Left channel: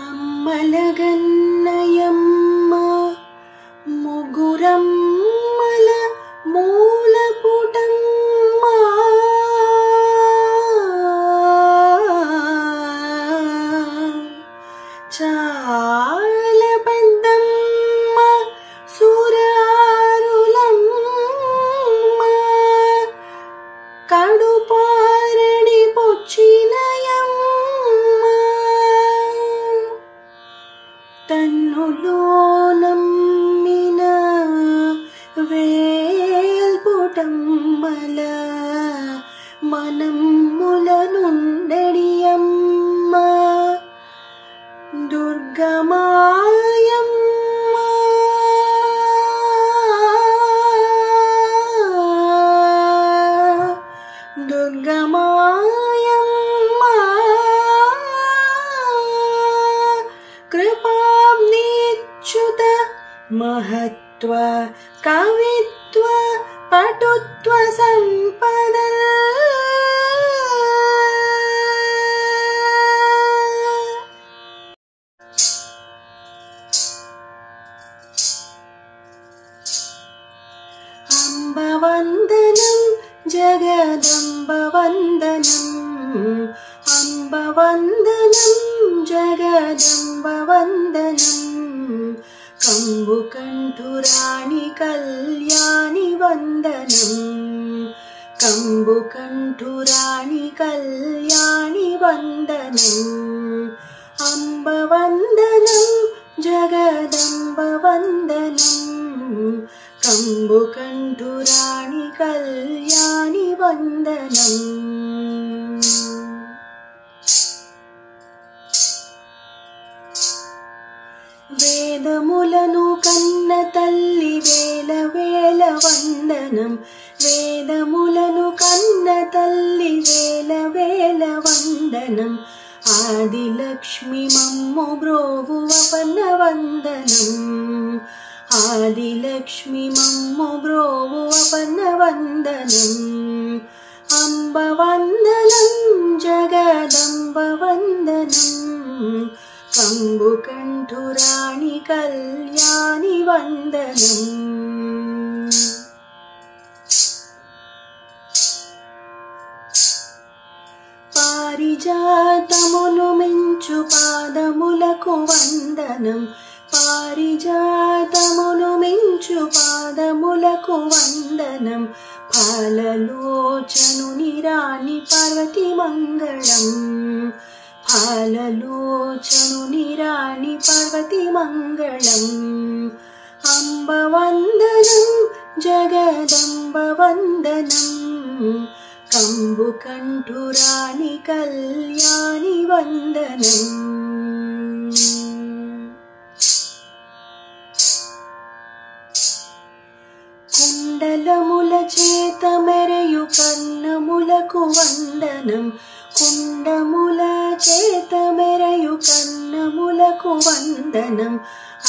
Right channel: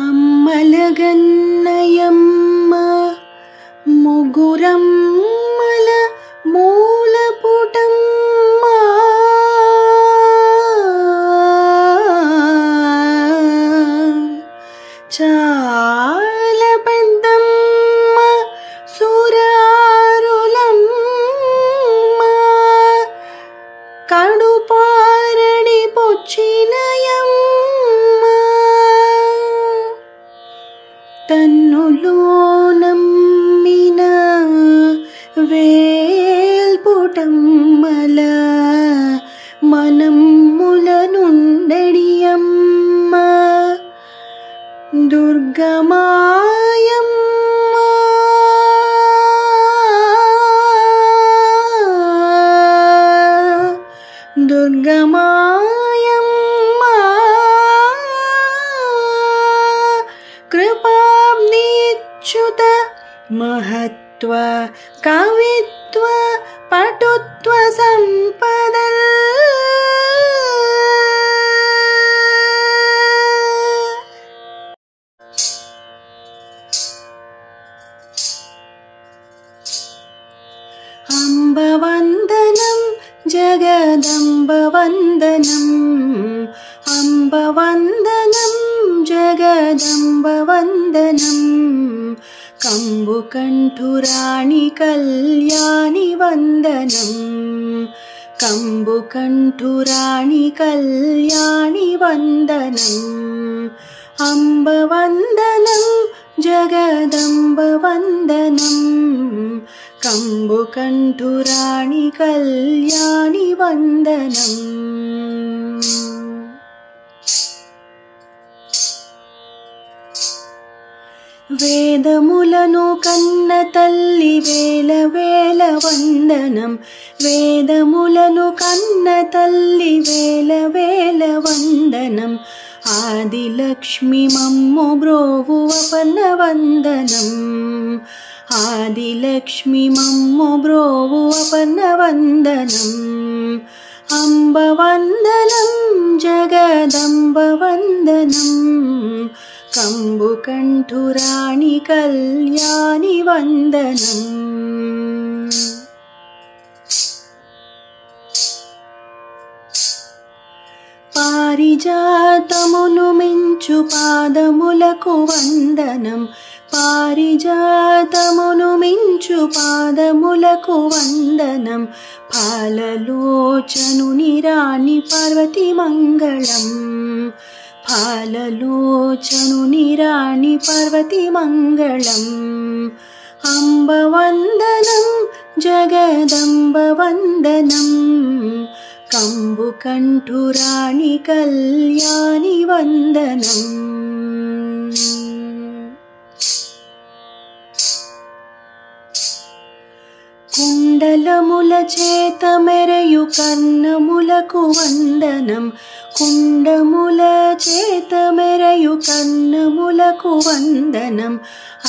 అమ్మలగన్నయమ్మ ముగురమ్మల మూలపుటమ్మ చాలా పెద్దమ్మ సురారులమ్మ కడుపారడి పొచ్చినయమ్మ తన్నులోనమ్మిన వేల్పుటమ్మల మనమ్ములనుండెడియమ్మ దుర్గమాయమ్మ దుర్గమాయమ్మ కృపాబ్నిచ్యుత మహత్వ కవిత్వ పటుత్వ సంపదల్ అంబవందనం జగదంబవందనం అంబవందనం జగదంబవందనం కంబుకంఠురాణి కళ్యాణి వందనం కంబుకంఠురాణి కళ్యాణి వందనం అంబవందనం జగదంబవందనం కంబుకంఠురాణి కళ్యాణి వందనం వేదములను కన్న తల్లి వేల వేల వందనం వేదములను కన్న తల్లి వేల వేల వందనం ఆదిలక్ష్మి మమ్ము బ్రోవువ పన్నవందనం ఆదిలక్ష్మి మమ్ము బ్రోవువ పన్నవందనం అంబవందనం జగదంబవందనం కంబుకంఠురాణి కళ్యాణి వందనం పారిజాతమును మించు పాదములకు వందనం పారిజాతమును మించు పాదములకు వందనం పాలలోచనుని రాణి పార్వతి మంగళం పాలలోచనుని రాణి పార్వతి మంగళం అంబవందనం జగదంబవందనం కంబుకంఠురాణి కళ్యాణి వందనం కుండలముల చేత మెరయు కన్నములకు వందనం కుండముల చేత మెరయు కన్నములకు వందనం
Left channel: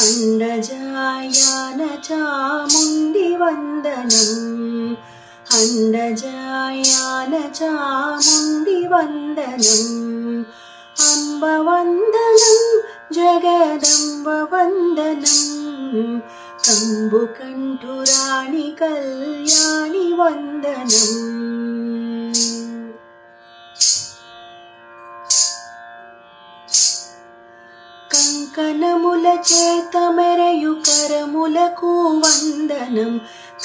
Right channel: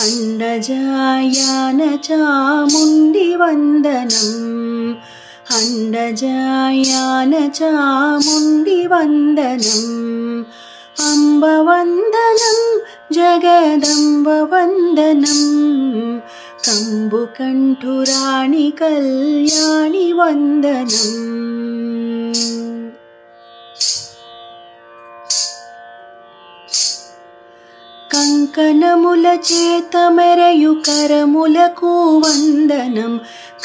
అండజాయాన చాముండి వందనం అండజాయాన చాముండి వందనం అంబవందనం జగదంబవందనం కంబుకంఠురాణి కళ్యాణి వందనం కంకణముల చేత మెరయు కరములకు వందనం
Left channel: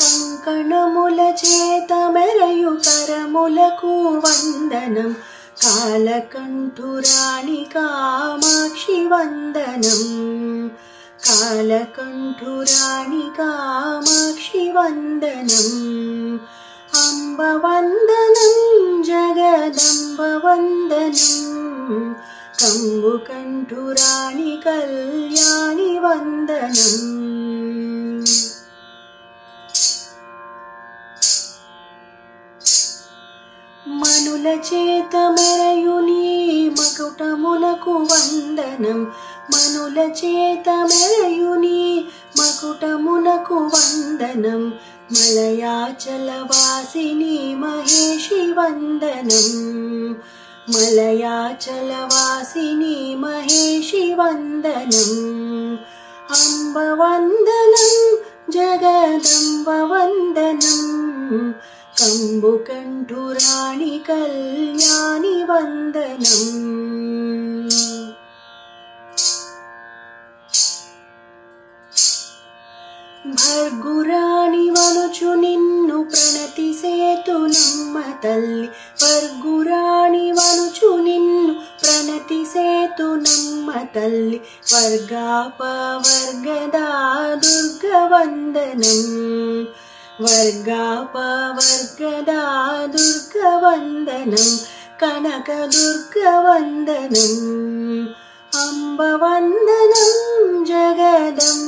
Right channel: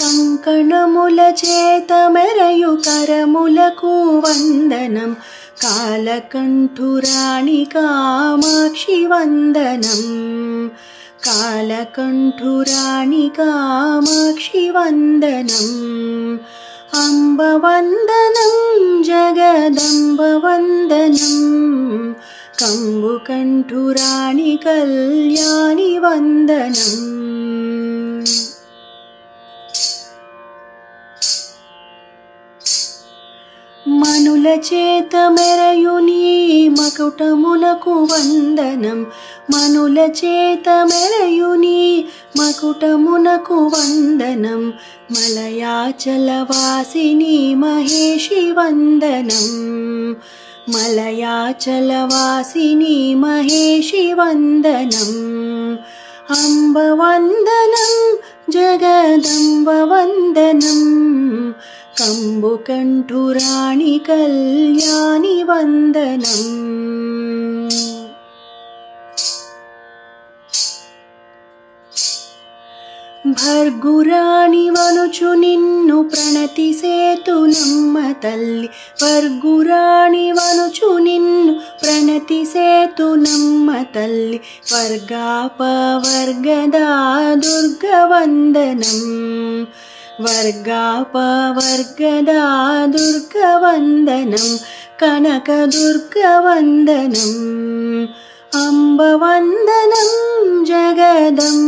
కంకణముల చేత మెరయు కరములకు వందనం కాలకంఠురాణి కామాక్షి వందనం కాలకంఠురాణి కామాక్షి వందనం అంబవందనం జగదంబవందనం కంబుకంఠురాణి కళ్యాణి వందనం మనుల చేత మెరయుని మకుటమునకు వందనం మనుల చేత మెరయుని మకుటమునకు వందనం మలయాచలవాసిని మహేషి వందనం मलयाचलवासिनी महेशि वन्दनम् अम्ब वन्दनं जगदम्ब वन्दनं कम्बुकण्ठुराणि कल्याणि वन्दनम् भर्गुराणि वनुचु निन्नु प्रणतिसेतु नम्म तल्लि वर्गुराणि वनुचु निन्नु प्रणतिसेतु नम्म तल्लि वर्गापवर्गदा दुर्गवन्दनं वर्गापवर्गदा दुर्गवन्दनं कनकदुर्गवन्दनम् अम्बवन्दनं जगदम्बवन्दनम्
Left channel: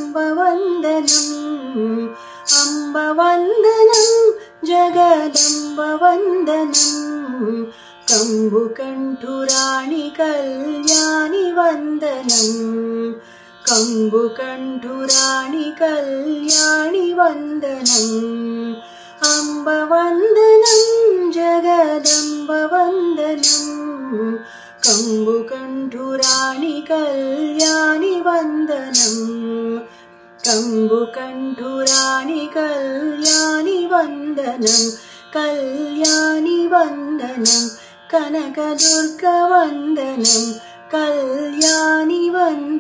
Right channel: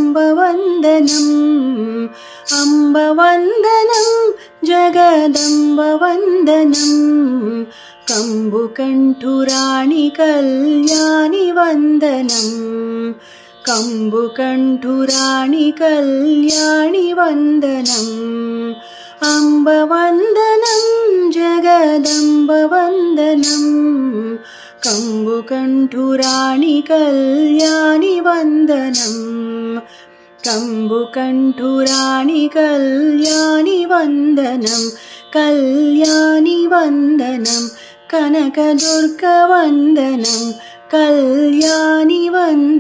अम्बवन्दनं जगदम्बवन्दनं कम्बुकण्ठुराणि कल्याणि वन्दनम् कम्बुकण्ठुराणि कल्याणि वन्दनम् अम्बवन्दनं जगदम्बवन्दनम् कम्बुकण्ठुराणि कल्याणि वन्दनम् कम्बुकण्ठुराणि कल्याणि वन्दनं कल्याणि वन्दनं कनकदुर्गवन्दनं कल्याणि वन्दनम्।